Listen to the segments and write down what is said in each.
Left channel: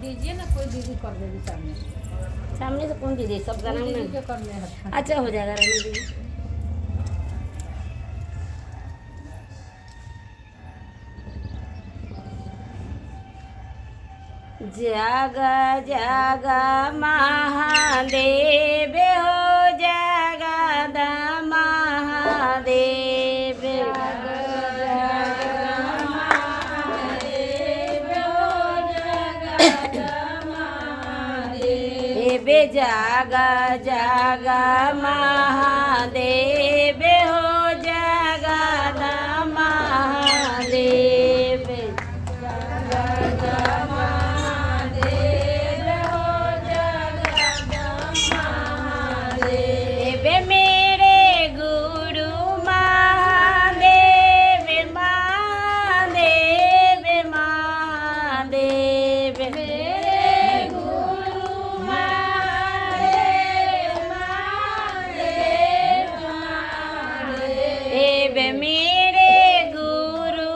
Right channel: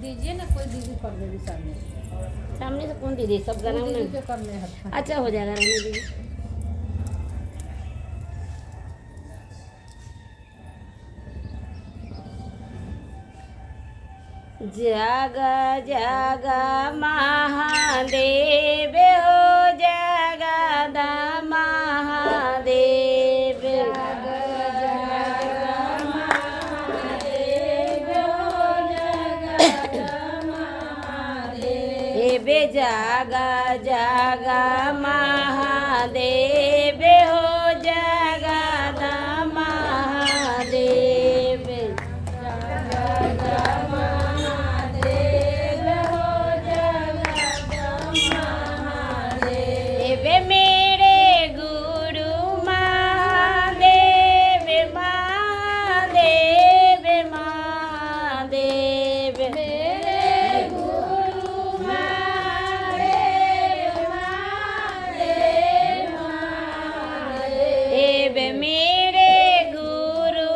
दीजिए ना, कोई दीदी कर देगी सामने सामने से कौन दीदी, सब गाना दीदी नहीं। के करने हैं। अच्छा हो जाएगा रहने दीदी। जागा जागा महादेव हो, जगद महादेव। जागा जागा महादेव हो, जगद महादेव। मेरे गुरु महादेव, महादेव महादेव। मेरे गुरु महादेव, महादेव महादेव। मेरे गुरु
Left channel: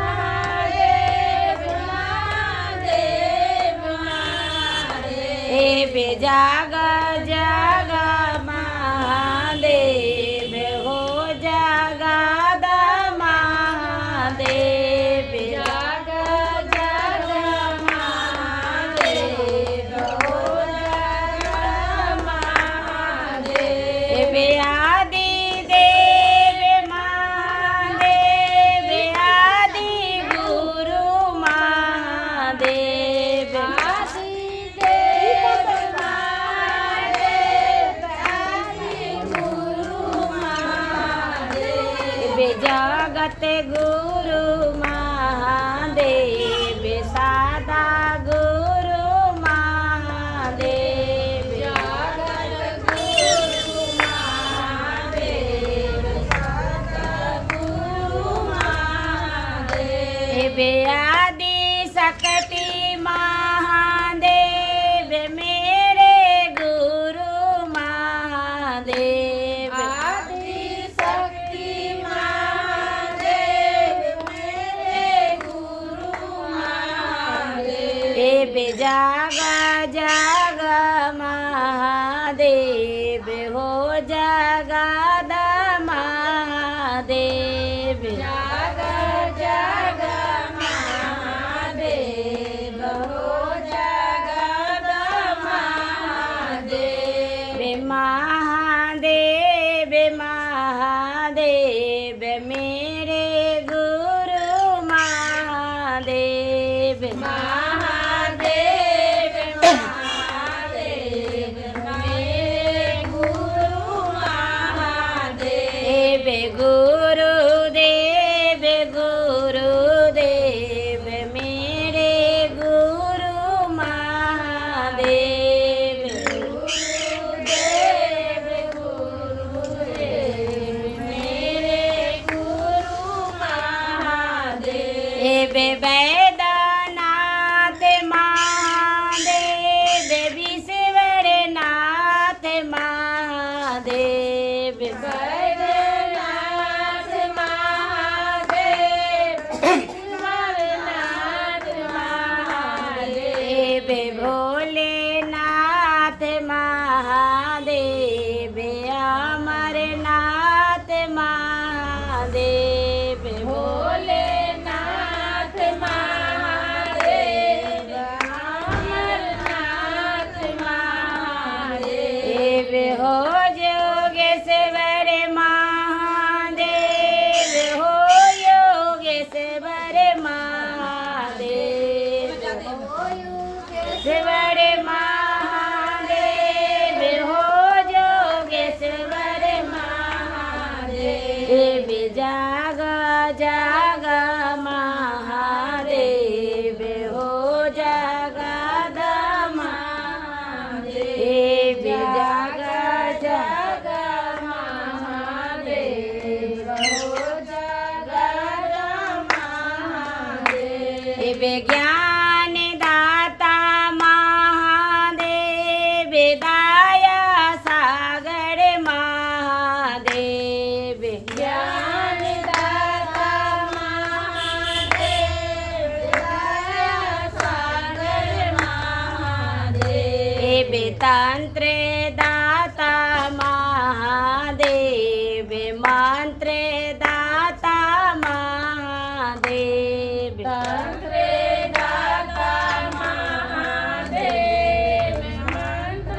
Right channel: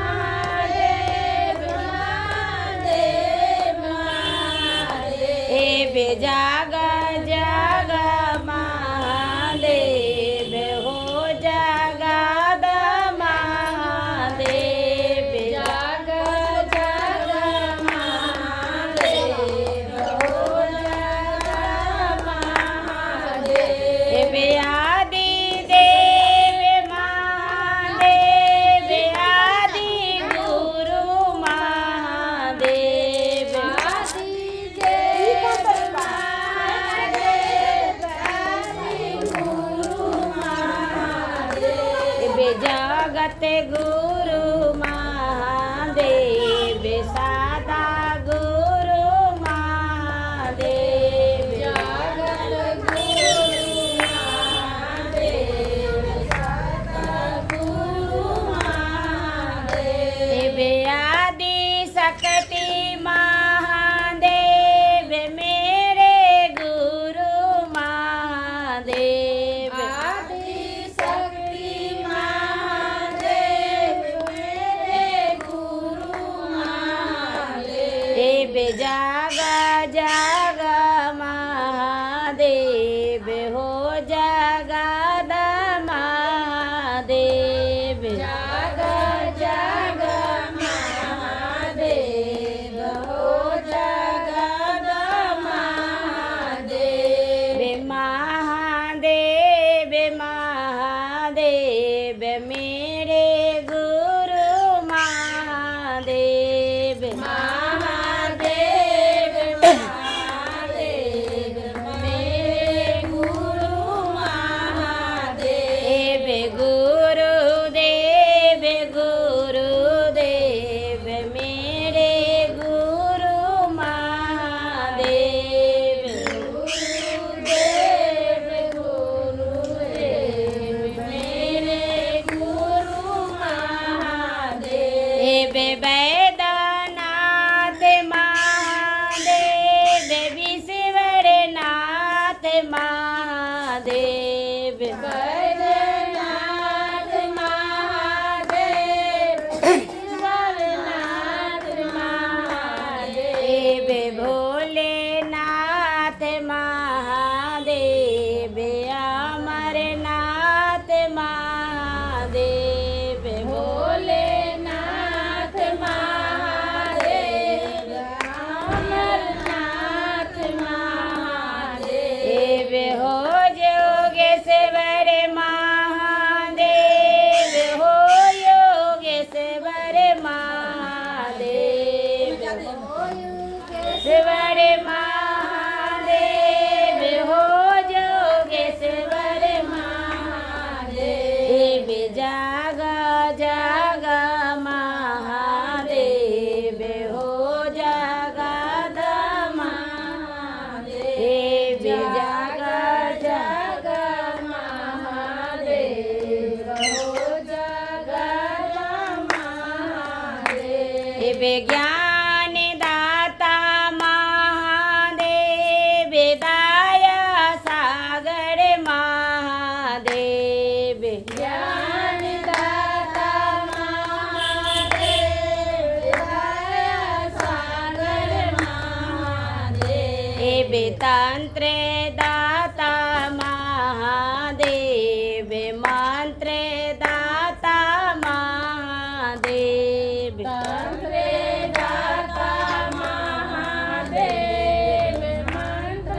महादेव, महादेव महादेव। जागा जागा महादेव हो, जगद महादेव। जागा जागा महादेव हो, जगद महादेव। आदि देव महादेव, आदि गुरु महादेव। जगत गुरु महादेव, सादा गुरु महादेव। जगत गुरु महादेव, सादा गुरु महादेव। आदि शक्ति महादेव, मेरे गुरु महादेव। जागा जागा महादेव हो, जगद महादेव। जागा जागा महादेव हो, जगद महादेव। महादेव महादेव, मेरे गुरु महादेव। गुरुदेव गुरुदेव, मेरे गुरु महादेव। गुरुदेव गुरुदेव, मेरे गुरु महादेव। वैद्यनाथ महादेव, विश्वनाथ महादेव। भोलेनाथ महादेव, अमरनाथ महादेव। भोलेनाथ महादेव, अमरनाथ महादेव। हो योगेश्वर महादेव, हो योगेश्वर महादेव। शिवर महादेव, हो जो मंत्र दाता महादेव मंत्र दाता महादेव मंत्र दाता महादेव मंत्र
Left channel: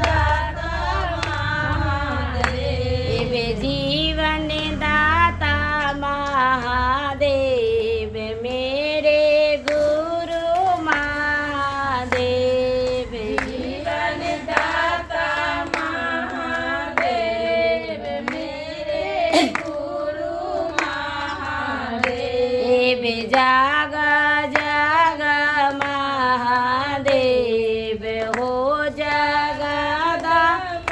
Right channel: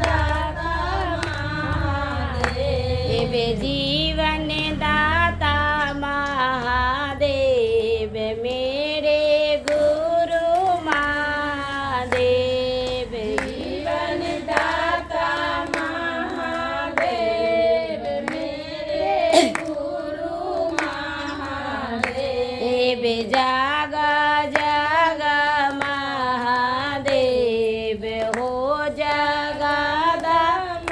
दाता महादेव जीवन दाता महादेव मेरे गुरु महादेव जीवन दाता महादेव मेरे गुरु महादेव जाग जाग महादेव हो जगद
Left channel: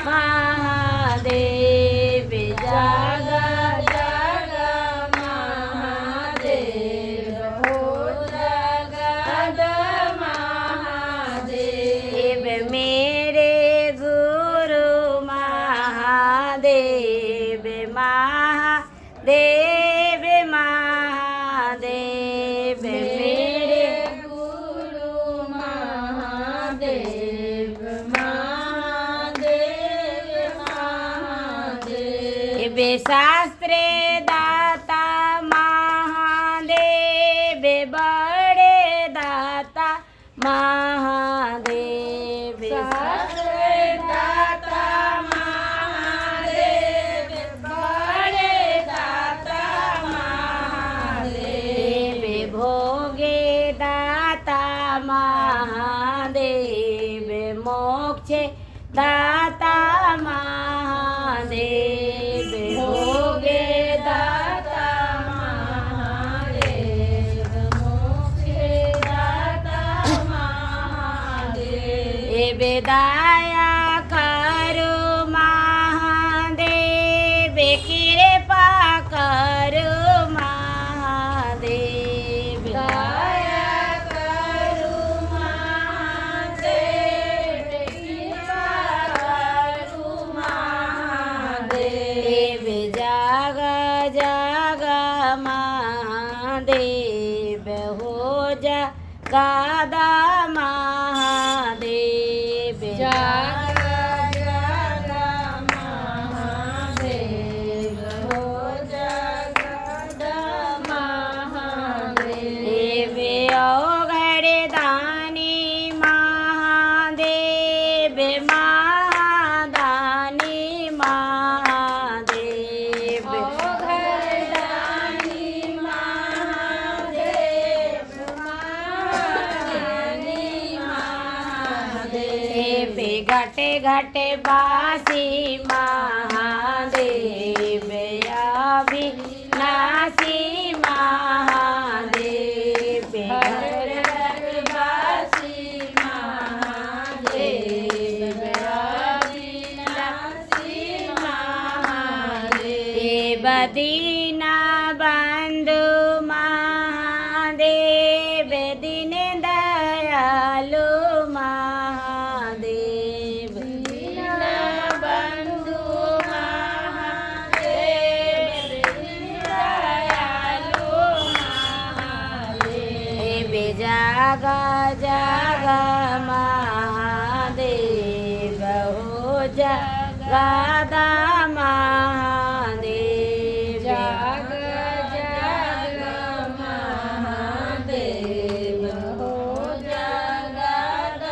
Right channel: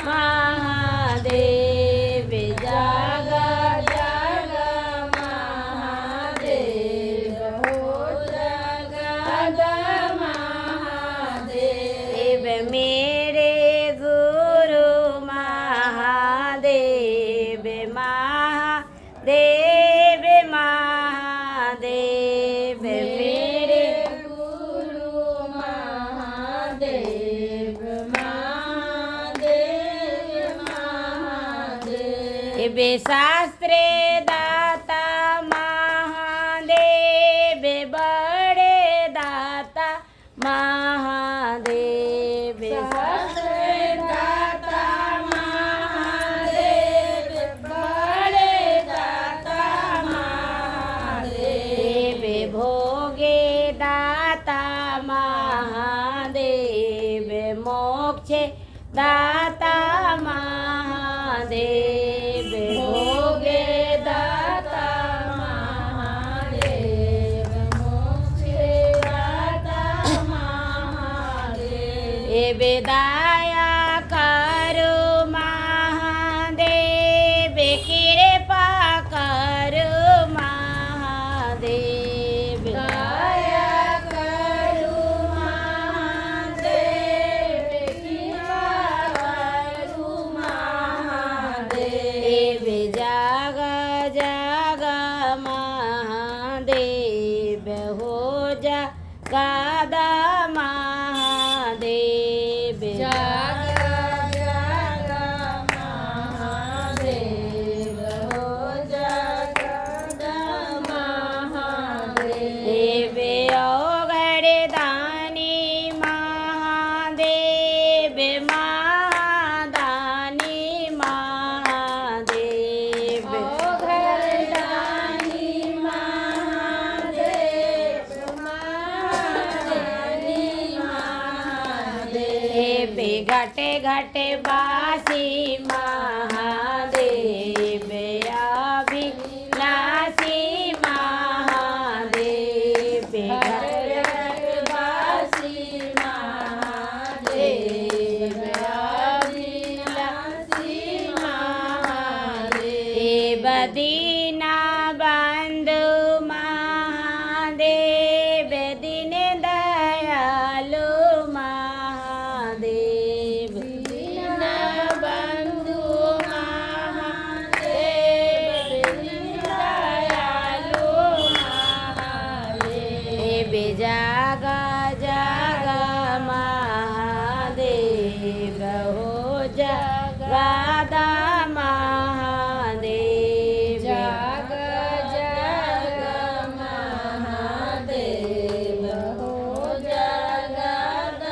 महादेव जाग जग महादेव हो जगद महादेव मेरे गुरु महादेव महादेव महादेव मेरे गुरु महादेव महादेव महादेव शास्त्र दाता महादेव बड़े दाता महादेव दाता महादेव बड़े दाता महादेव भोगे दाता महादेव मोक्ष दाता महादेव भोगे दाता महादेव मोक्ष दाता महादेव दया करो महादेव कृपा करो महादेव दया करो महादेव कृपा करो महादेव जाग जाग महादेव हो जा गादा महादेव जग जग महादेव हो जगद महादेव औघड़ दानी महादेव महादानी महादेव ओघरदानी महादेव महादानी महादेव घटे घटे बासी महादेव अविनाशी महादेव बासी महादेव अविनाशी महादेव दीन बंधु महादेव दीन दयालु महादेव दीनबंधु महादेव दयालु महादेव जाग जाग महादेव हो जगदा महादेव जग जग महादेव हो जगद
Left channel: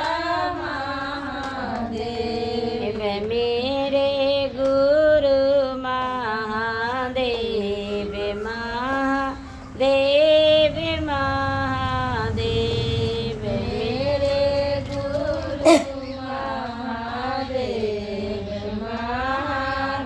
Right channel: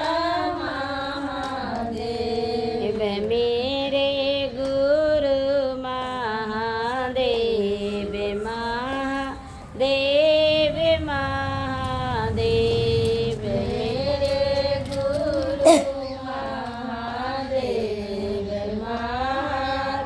महादेव मेरे गुरु महादेव महादेव महादेव मेरे गुरु महादेव महादेव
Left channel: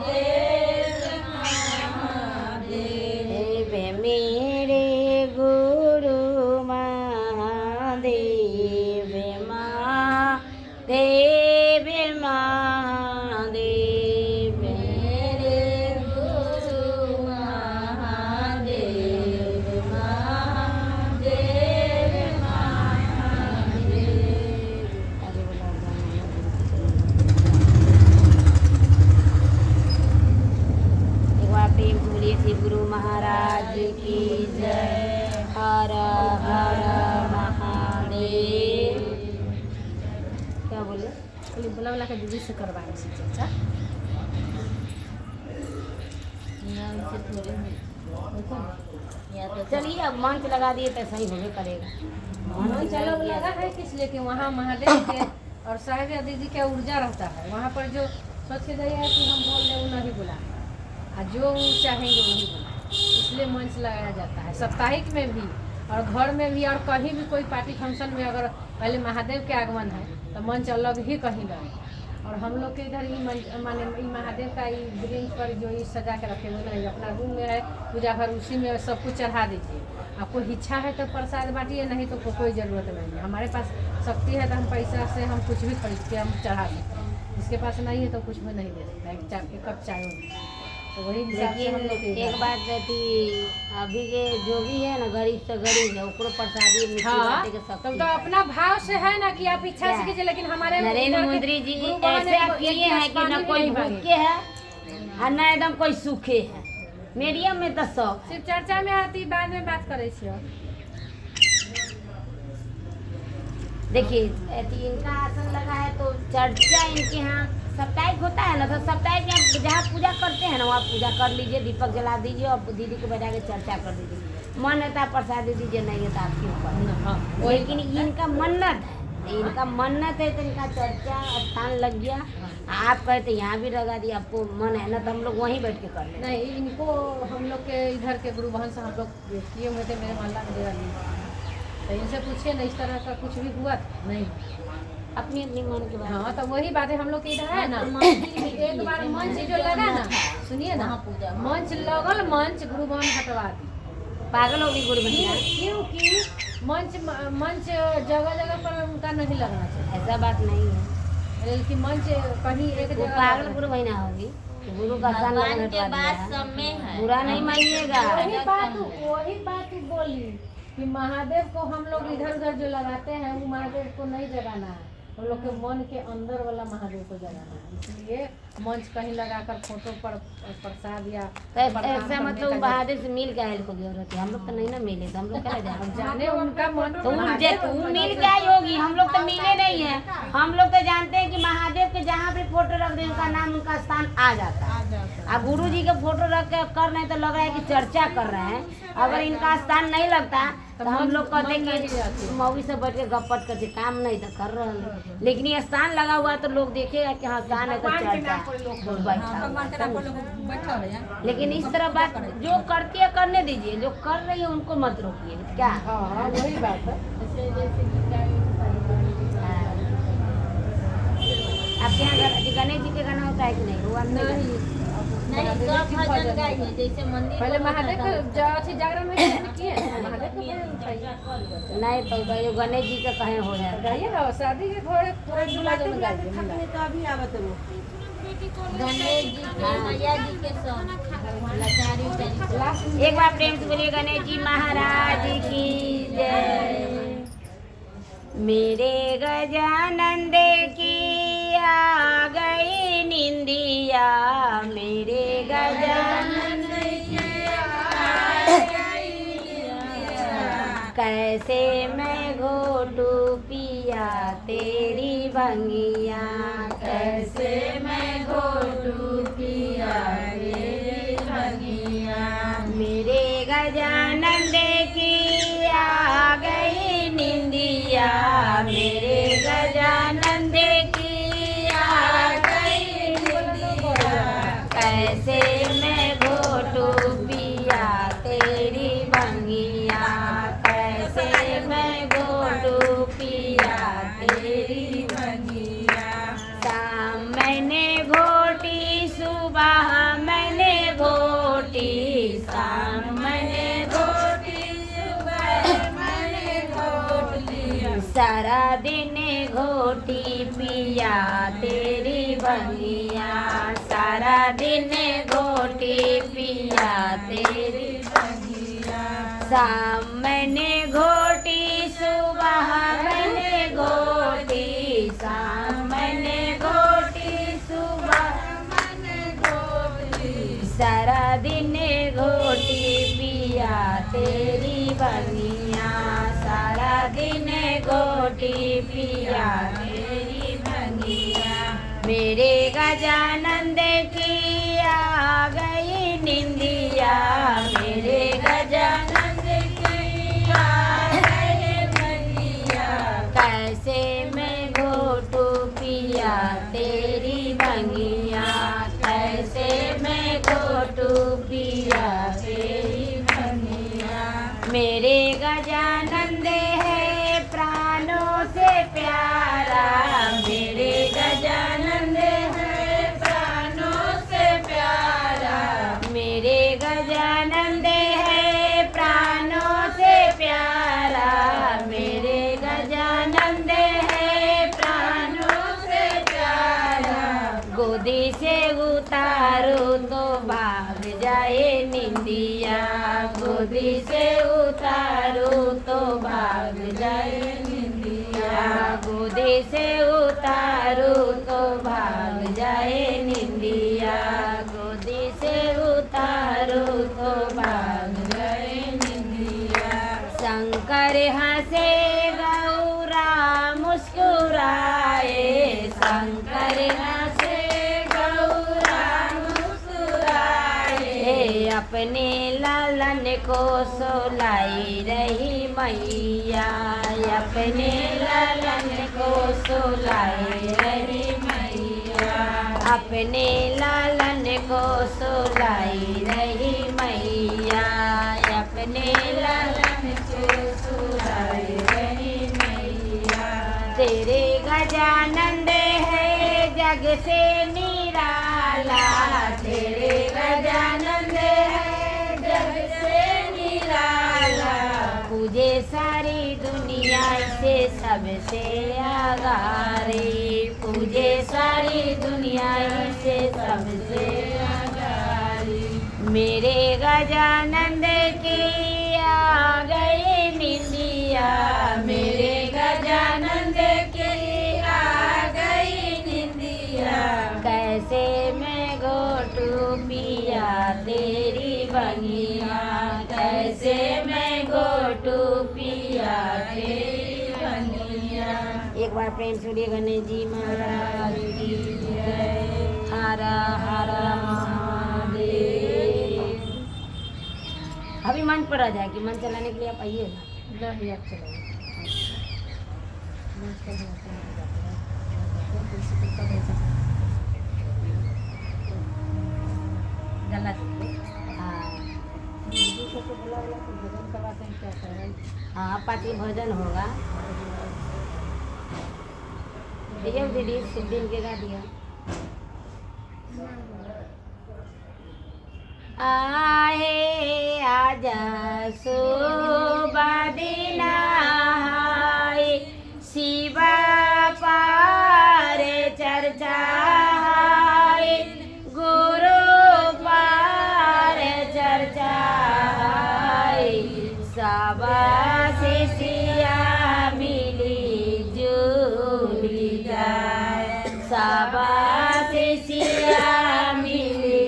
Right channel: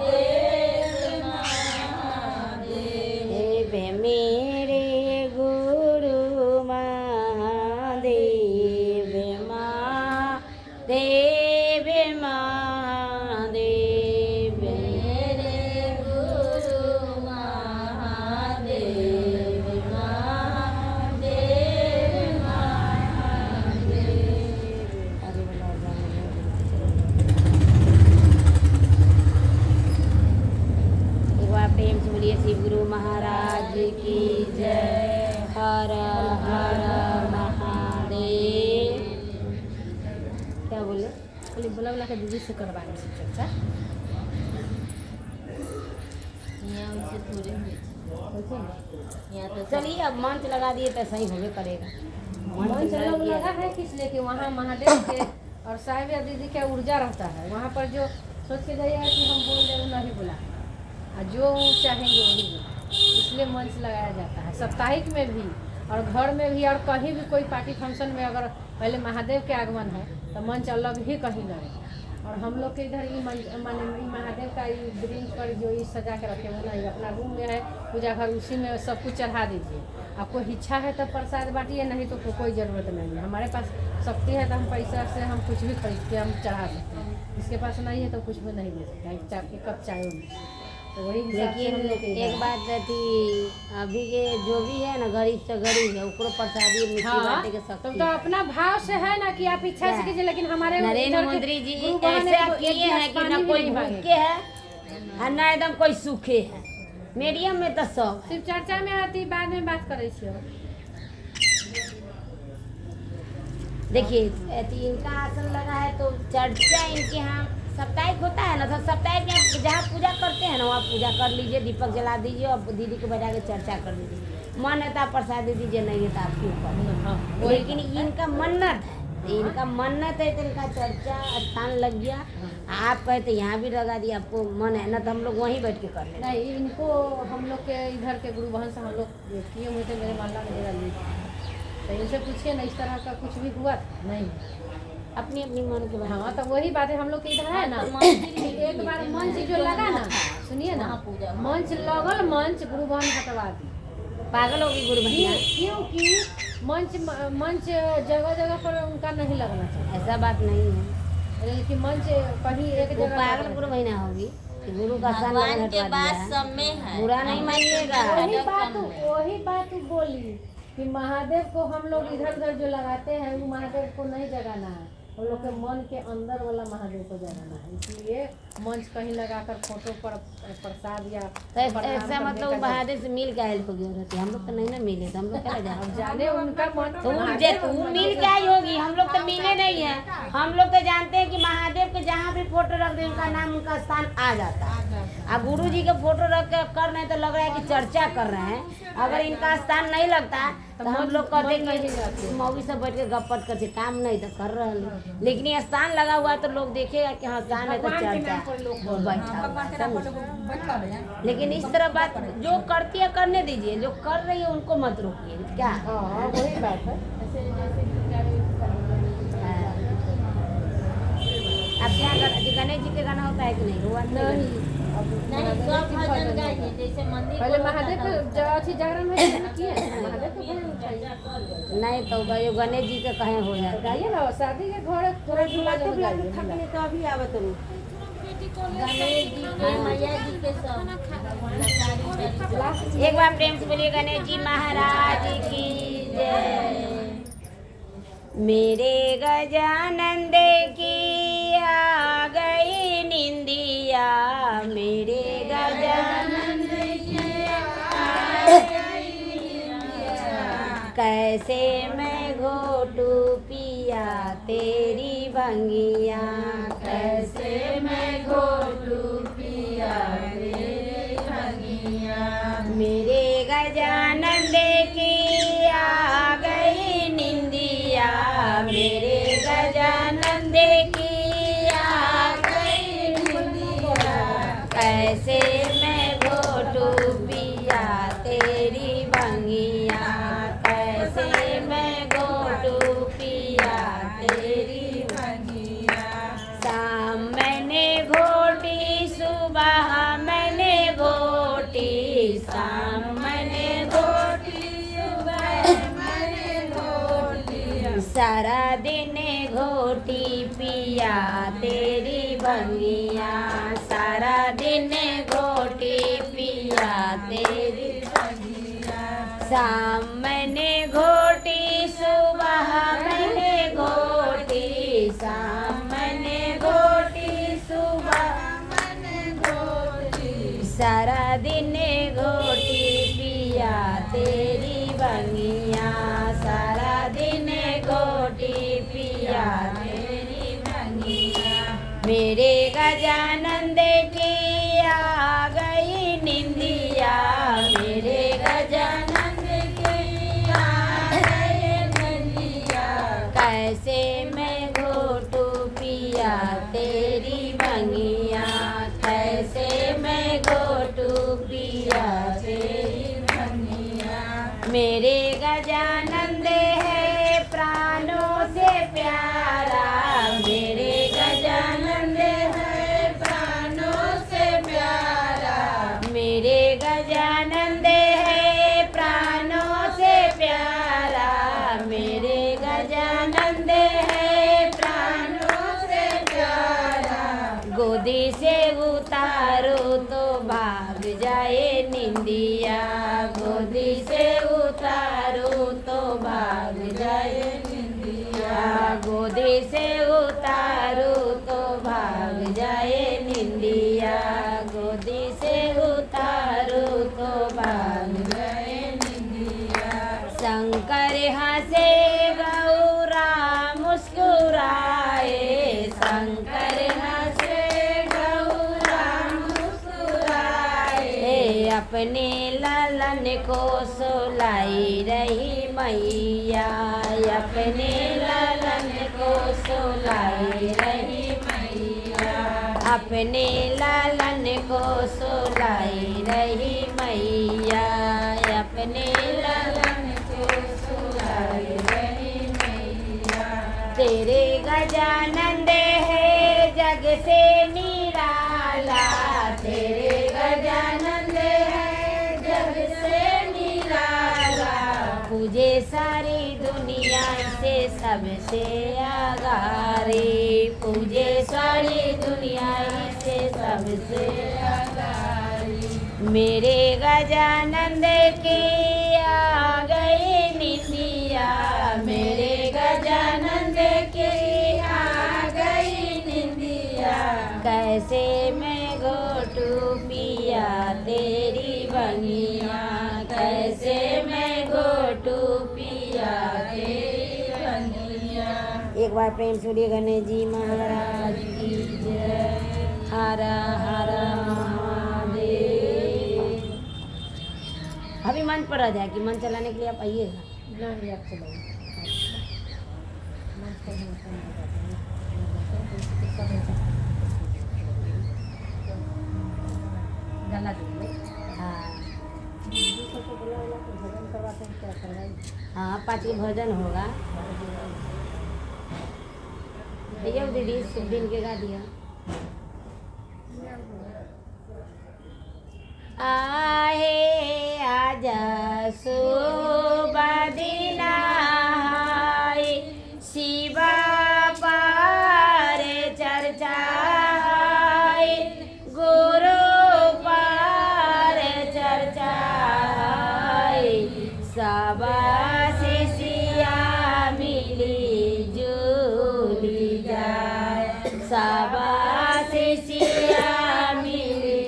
दीदी से करवाए से चर्चा। यहाँ उसे थोड़ी हुई। यहाँ तो चलिए अब मंच लगा दिए तो सही होबे करेगा। मंच अलग लगा है किस लिए कि वहाँ महादेव के और साहिब या दीदी का ऊर्जा रहता है। वहाँ पर जो सोच के गया है कि हम बोल रहे वो नहीं बुला, और जो वो चाहेंगे वही बुला, इसलिए मंच लगाया जाता है साप्ताहिक में भी और घर में भी। और कहीं भी कोई पार्टी फंक्शन में अगर पहले महादेव के आगमन है तो मंच अलग ही कहीं लगे। और हम लोग के इधर ही माने महादेव का ये ब्रिंज पर जो ये सजा के रखे हुए ना, अपना रूम में है पूजा घर, उसी में सब कुछ चढ़ा दीजिए। आपको इच्छा है तो प्रसाद बांटिए, नहीं तो कोई ज़रूरत नहीं है। हमारे पास शक्ति है तो हम पैसा से हम कुछ भी खरीद के हम चढ़ा सकते हैं, जिसके पास नहीं है तो कुछ भी नहीं दे सकता। एक कप चाय होगी तो वही हिसाब से हम लोग एक बात कहती, अभी के जो भी है ना गरीब से गरीब है उसको प्रसादी मिट्टी बांटे के सब तो अपना भाव से है ना कि आप इच्छा से कीजिए। लेकिन हमारे नरेंद्र मोदी जी गुरु बहन ऐसा किए हैं कि न कोई भूखे है और न एकदम कोई सूखे है, मीडियम में तो सब। सिर्फ चर्चा में आती, बाद में बात करे छियै। देखिए इनका आसन लगा है तो चर्चा इनके यहाँ साप्ताहिक होता है ना, तो साप्ताहिक में जहाँ पूजा करते हैं ना वहाँ पूजा कर लीजिए, दीपक जला दीजिए और दीदी को बैठा के चर्चा कर दीजिए। मन है तो आप प्रसाद दे दीजिए, नहीं है तो आपके ऊपर। लेकिन इनका मन्नत है, इनका मन्नत है तो इनका चर्चा स्थान लग गया। आप कहे तो यहाँ भी लगा दिया, आपको मन है ना तो हम लोग वहीं बैठ के कर लें। नहीं, इनको हम लोग के इधर के गुरु बहन से हम लोग किए हुए थे, मेरे मोहल्ला में डेरा लिए, तो इनसे पूछिए ना इस तरह का कुछ भी हुआ था नहीं। अपनी अपनी मन के बात। हाँ तो वही बात है, हम लोग के इधर है ना एक बार मंच जो लगा ना, सुनिए ना, मंच लगल, मंच गुरु बहन हटवा दी। पागल होगी गुरु भैया, क्योंकि मंच जगह जगह पर उनका नहीं लगना चाहिए। ऐसा बात नहीं है। लेकिन मंच कहीं एक वो जगह पागल गुरु भैया होगी, गुरु का स्थान भगवान लगने के हटवा बाद दिया है। सब में है। बुरा नहीं मानिएगा। वही बात बोली कि महादेव को हम लोग इधर उधर जो लगाते हैं वो महादेव को नहीं जगाना है, हम लोग के मन के अंदर वाला महादेव को जगाना है। इसलिए मंच कहीं लगाकर फोटो पर प्रसाद या ऐसा मतलब महादेव से मिल के आयल होगी औरत, हम लोग तो नहीं ना मिले तो हम लोग क्या जाए। जाने उनका मन तुम मिल के आई होगी, हम लोग तो मिले नहीं है। हम लोग तो जानते हैं कि महादेव के जहाँ भी फोटो रख दे उनका नाम उनका स्थान आ जाता है। अब गुरु जी का फोटो रख के कर रहे हैं तो लग रहा है कि चर्चा कर रहे हैं। अगर इनका स्थान नहीं लगता तो हम लोग कहते हैं कि मौवी से बैठ के गपट करते, काम नहीं तो कर रहे हैं। लेकिन ये स्थान लगा हुआ है तो लोग देखेगा कि हाँ स्थान है तो चर्चा बैठा हुआ है। लेकिन इस तरह बात जो करती है करने दीजिए, जो कर रही है उनको मत रोकिए। क्या वही बात है। आपके यहाँ गणेश जी के गाना होता है कि नहीं? हुआ नहीं, नहीं सब भजन गाइए, जैसे मंदिर पहले को महादेव भजन अथी जागरण में किए महादेव के भजन चाहिए। नहीं तो ये गणेश जी के कहे हो जाए गाइए ना, शादी के घर पूरा बुलाते बुलाते तो अभी आवत हूँ। गणेश जी के, मैया जी के सब लाचारी उचारी। एक बार प्रेम से बोलिए गणेश जी महाराज की जय। मेरे गजानंद की आ गई निंदिया, मेरे गजानंद की आ गई निंदिया। कैसे मैं घोटू पिया तेरी भंगिया, कैसे मैं घोटू पिया तेरी भंगिया। मेरे गजानंद की आ गई निंदिया, मेरे गजानंद की आ गई निंदिया। कैसे मैं घोटू पिया तेरी भंगिया, कैसे मैं घोटू पिया तेरी भंगिया। शाम मैंने घोटी, सुबह मैंने घोटी, शाम मैंने घोटी, सुबह मैंने घोटी। सारा दिन घोटी पिया तेरी भंगिया, सारा दिन घोटी पिया तेरी भंगिया। शाम मैंने घोटी, सुबह मैंने घोटी, शाम मैंने घोटी, सुबह मैंने घोटी। सारा दिन घोटी पिया तेरी भंगिया, सारा दिन घोटी पिया तेरी भंगिया। मेरे गजानंद की आ गई निंदिया, मेरे गजानंद की आ गई बंदिया, कैसे मैं घोटू पिया तेरी बंगिया, कैसे मैं घोटू पिया तेरी बंगिया। मेरे गजानंद है प्राणों से प्यारा, मेरे गजानंद है प्राणों से प्यारा, मेरे गजानंद है प्राणों से प्यारा, मेरे गजानंद है प्राणों से प्यारा। गोदी से उतारो तो भाग जाए निंदिया, गोदी से उतारो तो भाग जाए निंदिया, गोदी से उतारो तो भाग जाए निंदिया, गोदी से उतारो तो भाग जाए निंदिया। शंकर हंसे गौरा मुस्कुराए, शंकर हंसे गौरा मुस्कुराए, अपने लालन को सुलाई रही मैया, अपने लालन को सुलाई रही मैया, अपने लालन को सुलाई रही मैया, अपने लालन को सुलाई रही मैया। तेरे गजानंद है जग से निराला, तेरे गजानंद है जग से निराला, पूजे सारी दुनिया से सबसे आगारी, पूजे सारी दुनिया से सबसे आगारी। मेरे गजानंद की आ गई निंदिया, मेरे गजानंद की आ गई निंदिया, कैसे मैं घोटू पिया तेरी बंगिया, कैसे मैं घोटू पिया तेरी बंगिया। एक बार प्रेम सुनिए गणेश जी महाराज की जय। हर हर महादेव। अभी मंच पर आ जाएगी, मंच चलाने के लिए आप आइएगा। नहीं आप चलाइए। गला दीजिए। हाँ दूसरे को बुला बुला कर भजन करवाते हैं, क्या करवाइए। हाँ पार्टी भोजन होगा। भैया दीदी शुभ दिन के गा दिया। आहे आजा सुबह दिन आए, शिवा पार चर्चा है, गुरु पार चर्चा है, सबा शिष्या मिली जुली जाए, सबा शिष्या मिली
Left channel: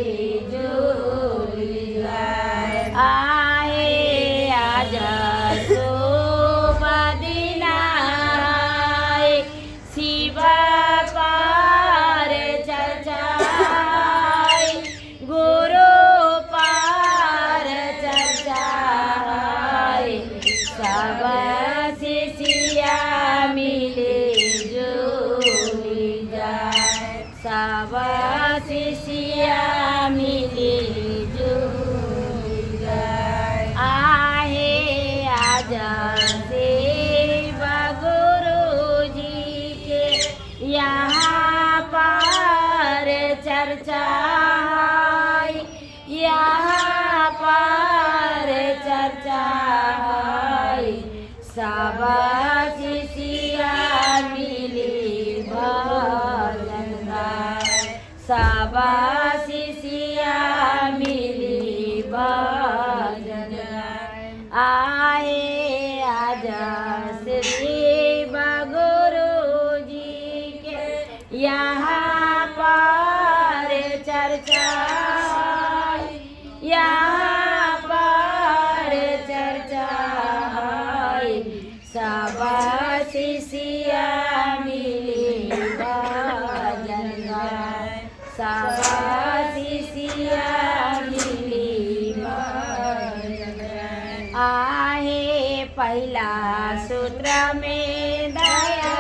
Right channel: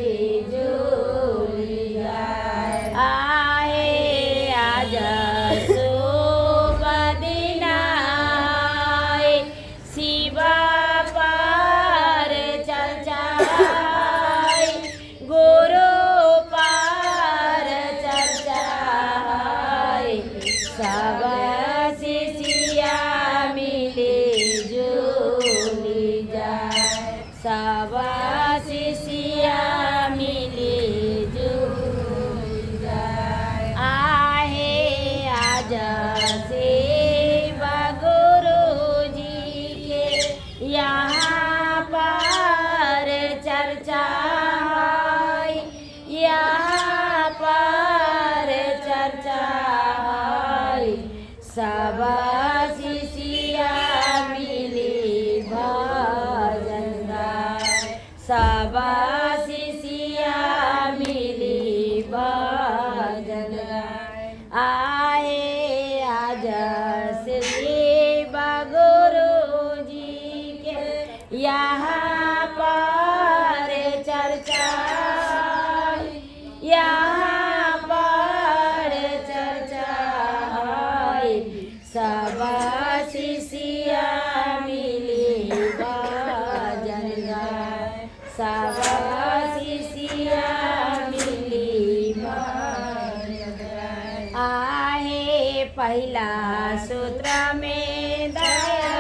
जुली जाए। आए आजा सुबह दिन आए, शिवा पार चर्चा है, गुरु पार चर्चा है, सब शिष्या मिली जुली जाए, सब शिष्या मिली जुली जाए। आहे आजा शिव गुरु जी के यहाँ पार चर्चा है, यहाँ पार चर्चा है, सब शिष्या मिली भजन गाए, सब शिष्या मिली भजन गाए। आए आजा शिव गुरु जी के यहाँ पार चर्चा है, यहाँ पार चर्चा है, सब शिष्या मिली भजन गाए। शिष्या मिली आहे पहला सूत्र में दया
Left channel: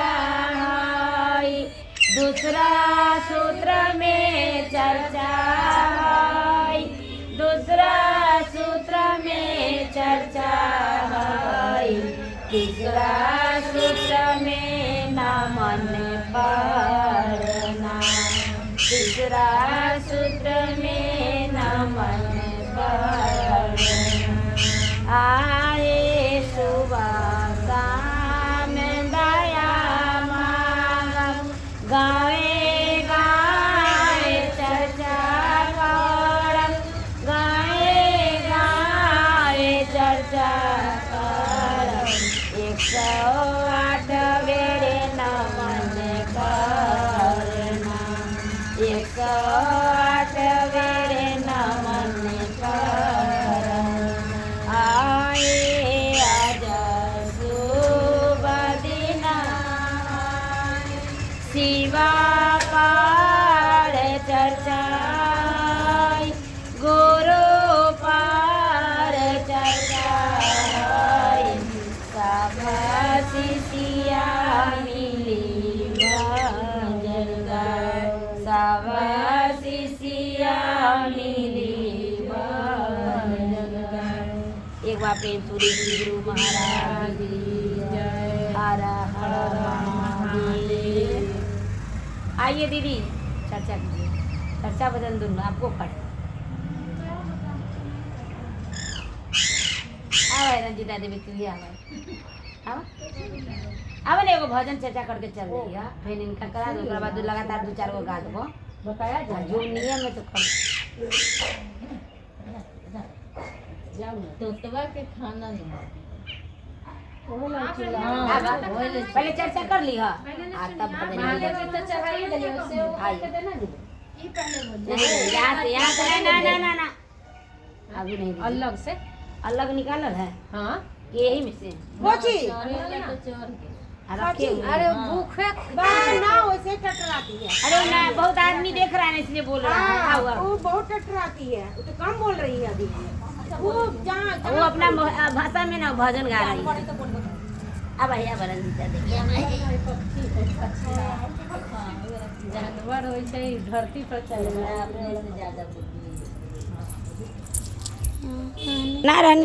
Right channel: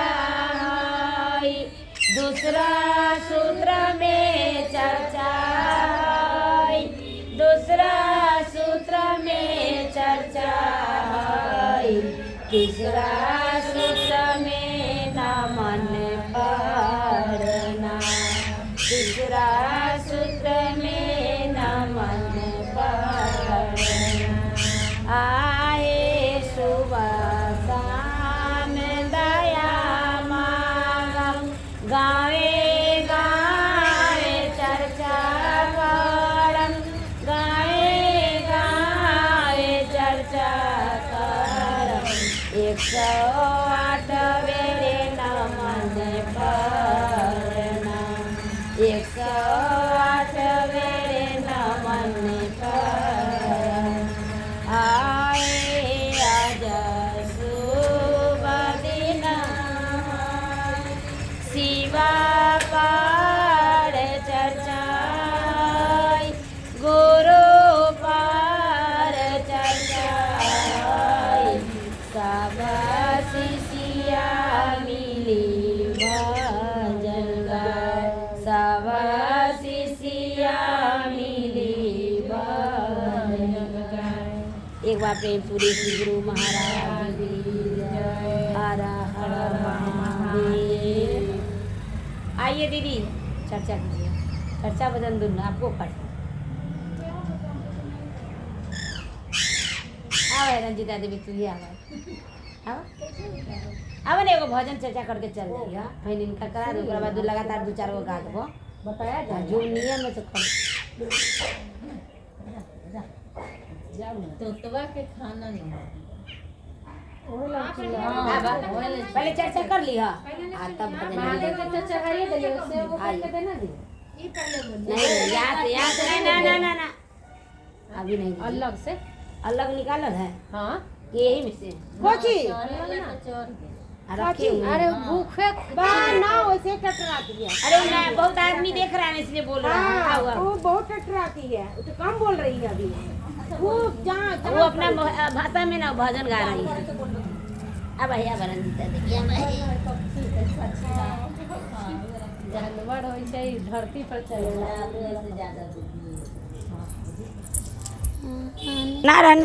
है, दूसरा सूत्र में चर्चा है, दूसरा सूत्र में चर्चा है, तीसरा सूत्र में नमन करना, तीसरा सूत्र में नमन करना। आए सुबह शाम दया मांगम, गावे गावे चर्चा करम, गावे गावे चर्चा करम, 108 बेरे नमन करना, 108 बेरे नमन करना। आए आज शुभ दिन, शिवा पार चर्चा, गुरु पार चर्चा, सब शिष्या मिली भजन गाय, सब शिष्या मिली भजन गाय। एक बार प्रेम पूरी गुरु महाराज की जय। हर हर महादेव। आइए दीदी चर्चा कीजिए, चर्चा बदल दूँ आपको पढ़। आओ रंजिता देवी तुझे आओ अब एगो भजन चर्चा करके चल रही है, फिर इनका करा दो, बाद लगातार 2-4 गो गा देबो, बताया जाए जो नियम है तो कर। तोतवा के खाना नहीं पहले चर्चा कर ली है, तब भजन महादेव के तो चढ़ाइए दिलिए, उससे वो करके देना दी ना अभी नहीं दीदी। अलग से अलग निकालल है हाँ यही में से कोची रखे हुए अरे हैं। भूखे ना वैसे टटराती है। अरे ना बहुत आदमी देख रहा है इसलिए बोल रहा है। हाँ, हुआ? वो बहुत टटराती है, वो तो कम बोल रही है अभी। वो जहाँ वो अपना भाषा में ना भजन गा रही है। अब भैया रंजिता देवी जानवर वैसे ही धरती पर चलेगा ना रहने